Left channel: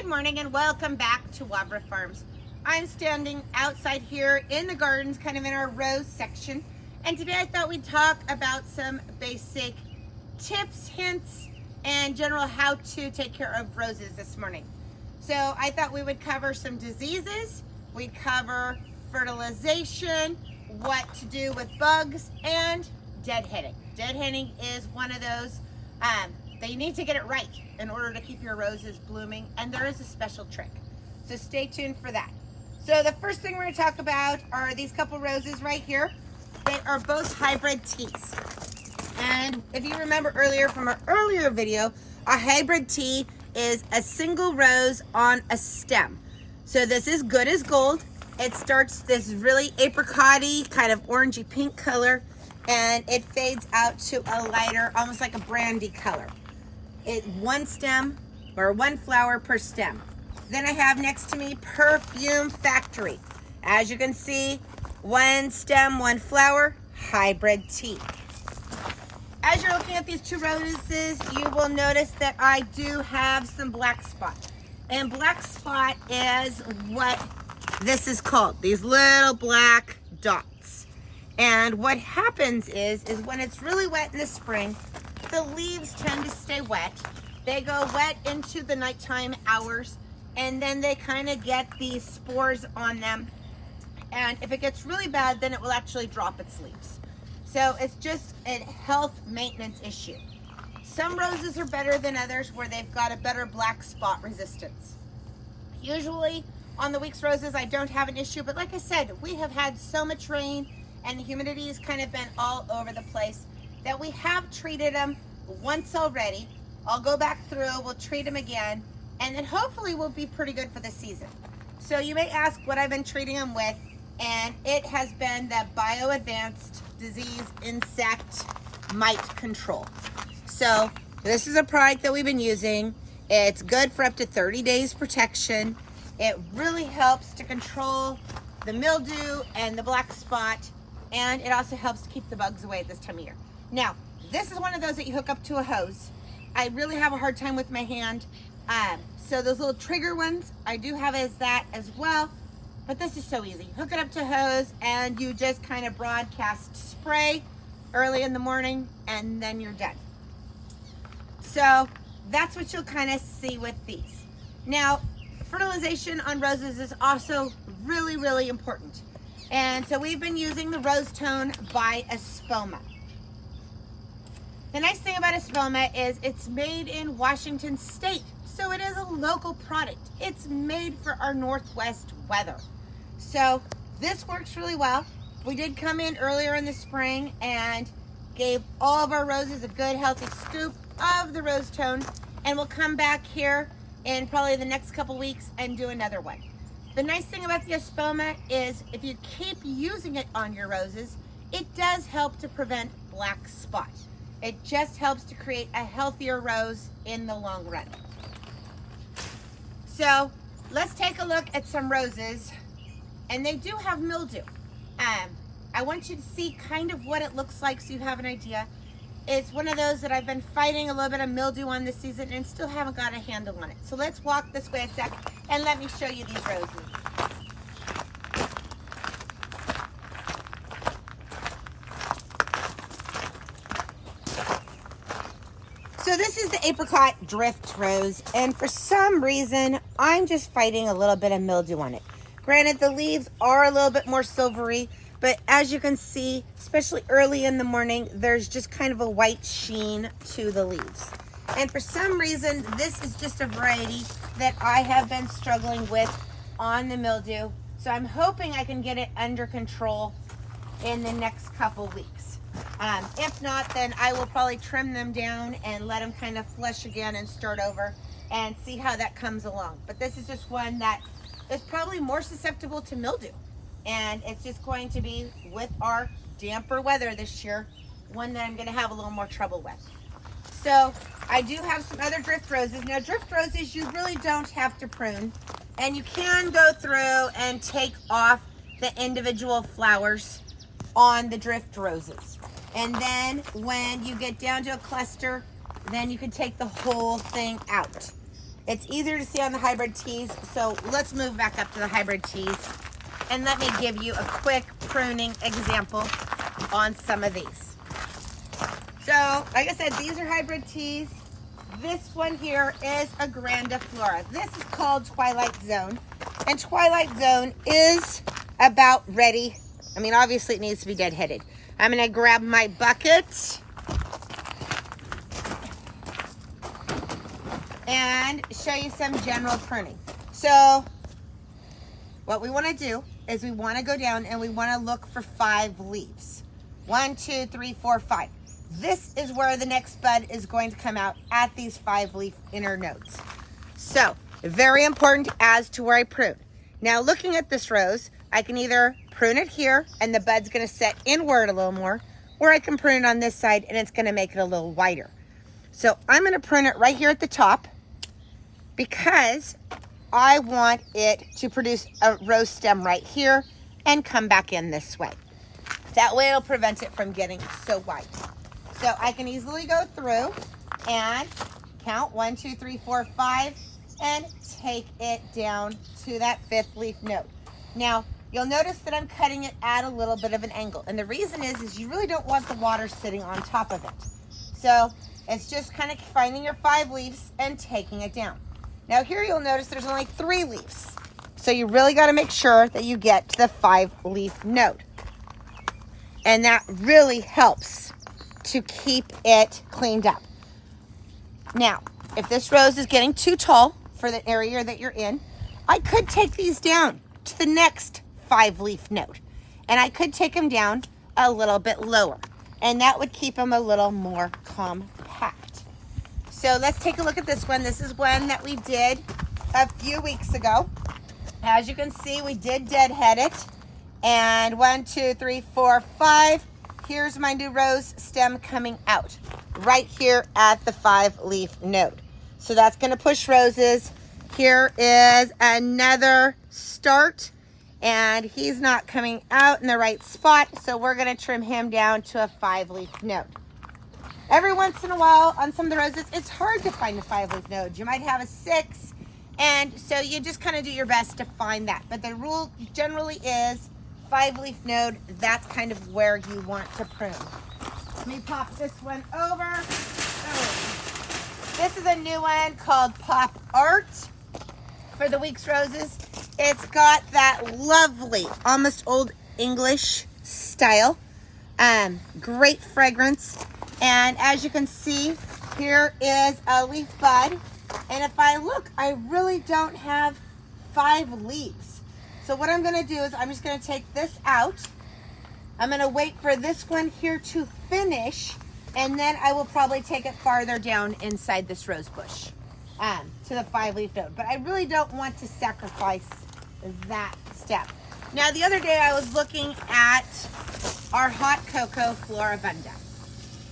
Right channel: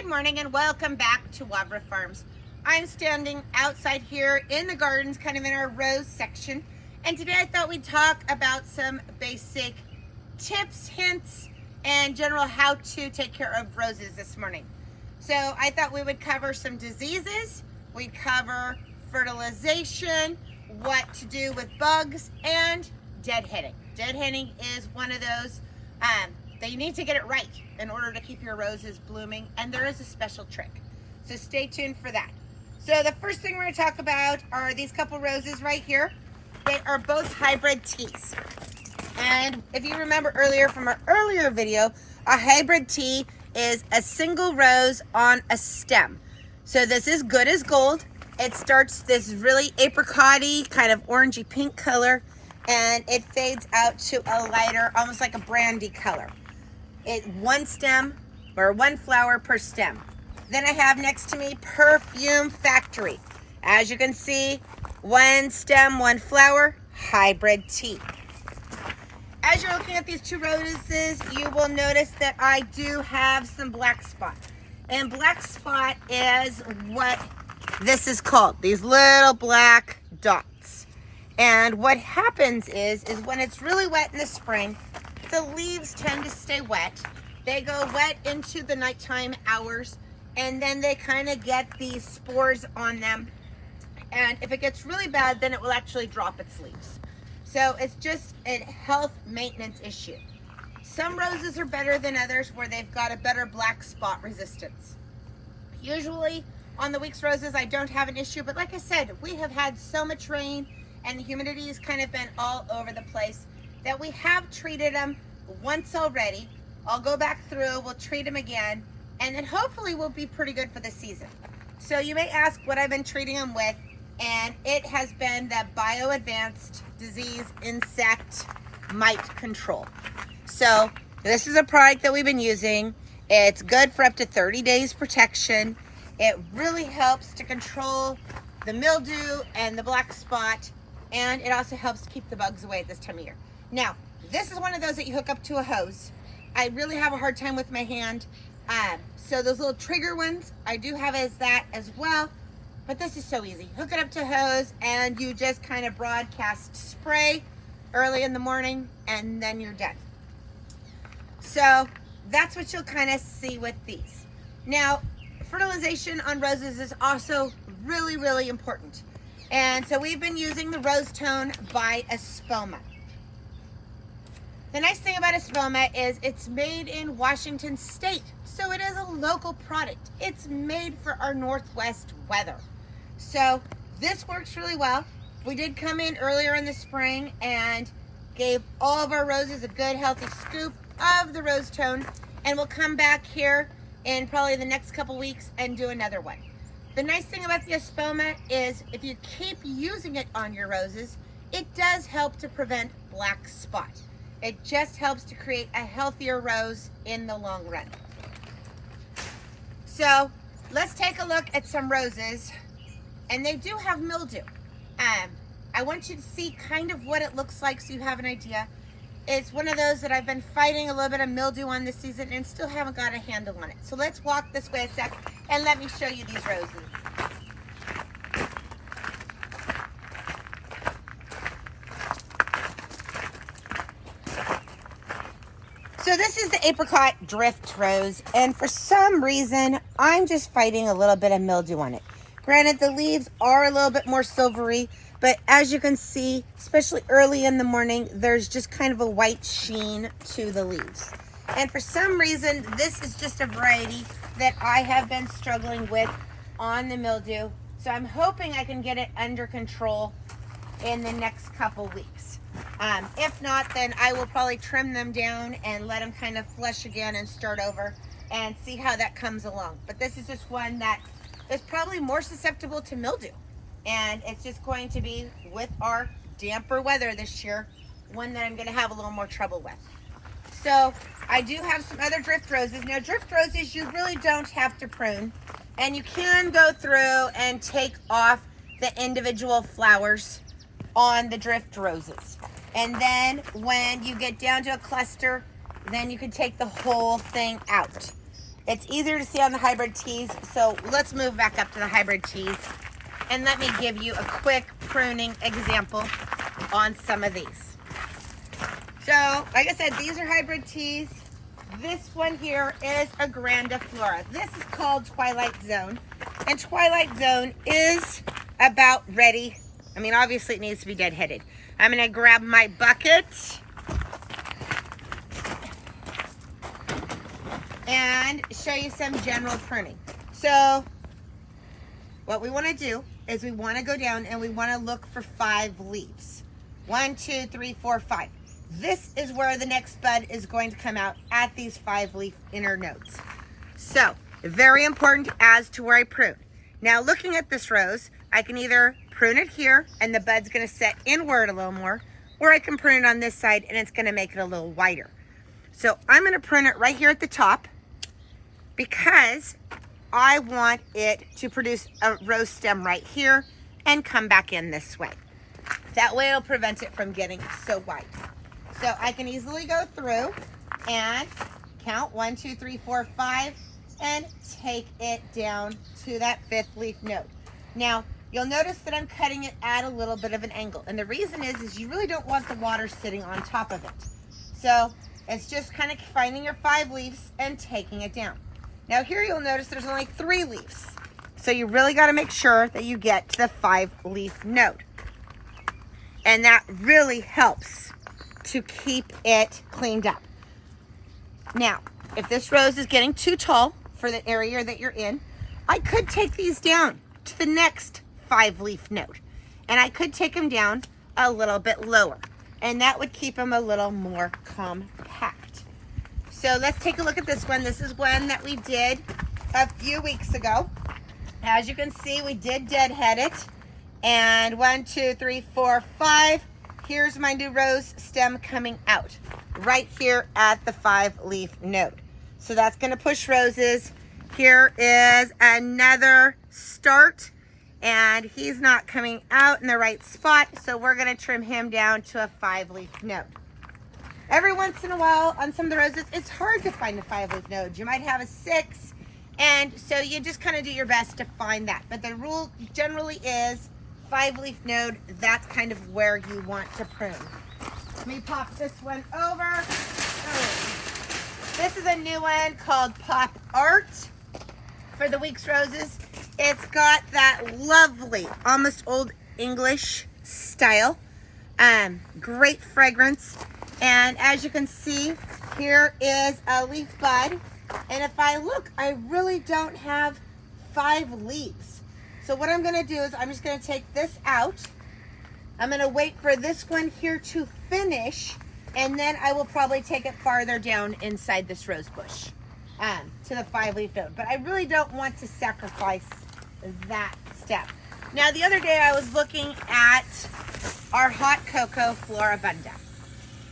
Good morning and welcome back to Wavra Farms. I'm standing outside here in the gardens, kind of in our rose section. And today I thought we'd talk about some basic tips, hints, and general how to take care of roses this morning. So I thought we would cover some diseases, we'd cover fertilization, what to do with bugs, and deadheading. Deadheading is one of those that you need to get it right in order to keep your roses blooming, and there is a special trick. So stay tuned for that. So the first thing we're going to talk about are these couple roses right here. They are both hybrid teas. And if you remember earlier from our earlier video, a hybrid tea is a single rose on a stem. So this is good as gold. It starts this really apricot-y, kind of orangey pink color, and it fades out to a lighter, almost like a brandy color. It's one stem or one flower per stem. Then I have next to me Perfume Factory. As you can see, one stem, one flower, hybrid tea. As you're looking at these two roses, you will notice that I do have some black spot. And black spot is what this is called, these little black dots. And what happens is when it's really wet in the spring, the leaves tend to stay wet. They go wet into the nighttime hours, and then they kind of get these spores on them. And if it gets really bad, then it will actually drop its leaves. So it's just a health maintenance issue. Some roses are better than others where they've got a better black spot resistance. Usually on the week's roses, I don't have an issue, but like I said, we have had so much rain and the humidity has kind of been all over the place that we have treated them once already. I'll go back through, we'll treat them again, and then hopefully we'll be pretty good for the season. So you may ask what I've been treating them with, and it has been the Bio-Advanced Disease Insect Mite Control. So this is a product that we've been using. It's good for up to 30 days protection. It really helps to control the mildew and the black spot, and it also helps to keep the bugs away at this time of year. Now, this is one of those that you hook up to a hose. I really have a hard time with my hand. So those little trigger ones, I do have that as well, but this is so easy. Hook it up to a hose and you just kind of broadcast spray early in the morning and then you're done. So that's what you'll kind of see with these. Now, fertilization on roses is also really, really important. And so we've been using the Rose Tone by Espoma. The nice thing about Espoma is it's made in Washington State, so it is a local product. It's made for our Northwest weather. So this works really well. We did come in earlier in the spring and gave all of our roses a good healthy scoop of the Rose Tone, and we'll come back here in probably the next couple weeks and do another one. The nice thing about the Espoma is if you keep using it on your roses, it does help to prevent black spot. It just helps to create a healthier rose in the long run. So let's take a look at some roses, and they do have mildew. I want you to see kind of what it looks like so you have an idea. It's one of those that I've been fighting a little bit of mildew on this season and still haven't got a handle on it. So let's walk this way a sec and let me show you these roses. So this is the apricot drift rose, and for some reason, I'm just fighting a little bit of mildew on it. Granted, the leaves are a little bit more silvery, but as you can see, especially early in the morning, there's just kind of a white sheen to the leaves. And for some reason, this is just a variety that I have been struggling with on the mildew. So I'm hoping I can get it under control in the next couple weeks. If not, then I will probably trim them down and let them kind of flush again and start over and see how that comes along. But this is just one that is probably more susceptible to mildew. And it's just going to be, with our damper weather this year, one that I'm going to have a little more trouble with. So I do have some other drift roses. Now, drift roses, you really don't have to prune. And you can go through and take off the individual flowers on the drift roses. And then when you get down to a cluster, then you can take the whole thing out. It's easier to see on the hybrid teas, so let's move back up to the hybrid teas and let me give you a quick pruning example on some of these. So, like I said, these are hybrid teas. This one here is a grandiflora. This is called Twilight Zone, and Twilight Zone is about ready. I mean, obviously it needs to be deadheaded. I'm gonna grab my bucket and show you some general pruning. So what we want to do is we want to go down and we want to look for 5 leaves. 1, 2, 3, 4, 5. This is where the next bud is going to come out at these 5 leaf inner nodes. So very important as to where I prune. Now looking at this rose, I can either prune it here and the bud's going to set inward a little more, or I can prune it on this side and it's going to make it a little wider. So I'm going to prune it right here at the top because I want it to produce a rose stem right here and come back in this way. That way it'll prevent it from getting so wide. So I can easily go through and count 1, 2, 3, 4, 5 and take it down to that 5th leaf node. Now you'll notice that I'm cutting it at a little bit of an angle, and the reason is you really don't want the water sitting on top of it. So it's just kind of finding your 5 leaves and taking it down. Now here you'll notice there's only 3 leaves. So you really got to make sure that you get to the 5 leaf node. And that really helps to keep it cleaned up. Now, if this rose is getting too tall for the area that you're in, I could take these down to the next 5 leaf node. And I could take them down a little bit lower. And that would keep them a little more compact. So let's take a look at this one. This is one that we did a few weeks ago. As you can see, we did deadhead it. And 1, 2, 3, 4, 5. Here's my new rose stem coming out right here at the 5 leaf node. So that's going to push roses. Here is another start, and he's not coming out in the right spot, so we're going to trim him down to a 5 leaf node. Every once in a while on some of the roses, it's hard to find a 5 leaf node. You might have a 6, and so you just kind of do your best to find that. But the rule generally is 5 leaf node. That's kind of where you want to prune. Let me pop this one over. Oh. This is a new one called Pop Art for the Weeks Roses. It's got that lovely, almost Old English style. Great fragrance. And as you can see, here is a leaf bud. And if I look, I really don't have 5 leaves. So what I'm gonna do is I'm just gonna take this out. I'm gonna wait for this one here to finish, and then I will probably take it farther down inside this rose bush to the 5 leaf node. But I really don't want to sacrifice that step. Now the other day I was looking at our hot cocoa Floribunda.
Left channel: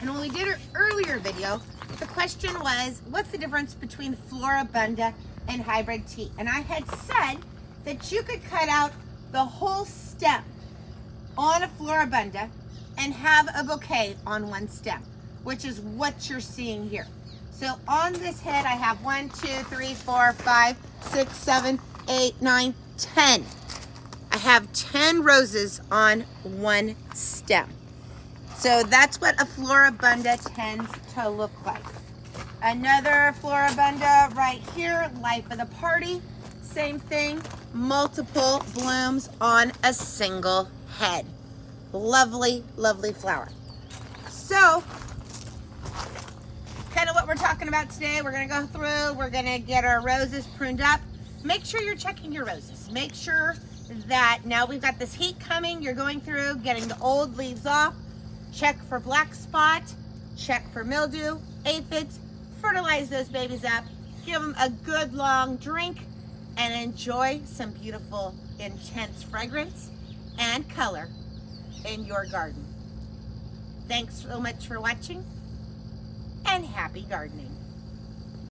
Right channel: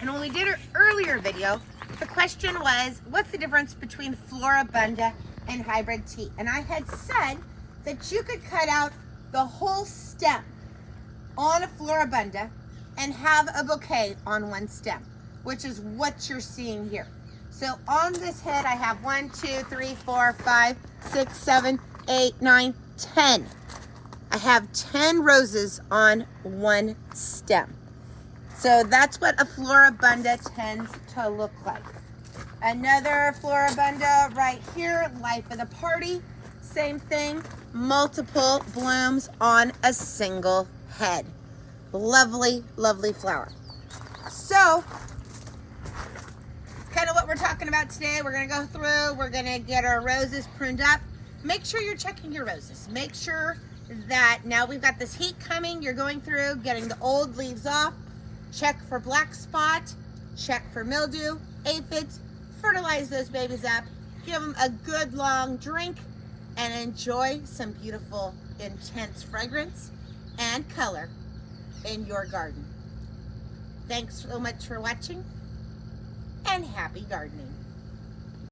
And when we did our earlier video, the question was, what's the difference between Floribunda and hybrid tea? And I had said that you could cut out the whole stem on a Floribunda and have a bouquet on one stem, which is what you're seeing here. So on this head, I have 1, 2, 3, 4, 5, 6, 7, 8, 9, 10. I have 10 roses on one stem. So that's what a Floribunda tends to look like. Another Floribunda right here, life of the party. Same thing, multiple blooms on a single head. Lovely, lovely flower. So, kind of what we're talking about today. We're gonna go through, we're gonna get our roses pruned up. Make sure you're checking your roses. Make sure that now we've got this heat coming, you're going through, getting the old leaves off. Check for black spot, check for mildew, aphids, fertilize those babies up, give them a good long drink, and enjoy some beautiful, intense fragrance and color in your garden. Thanks so much for watching, and happy gardening.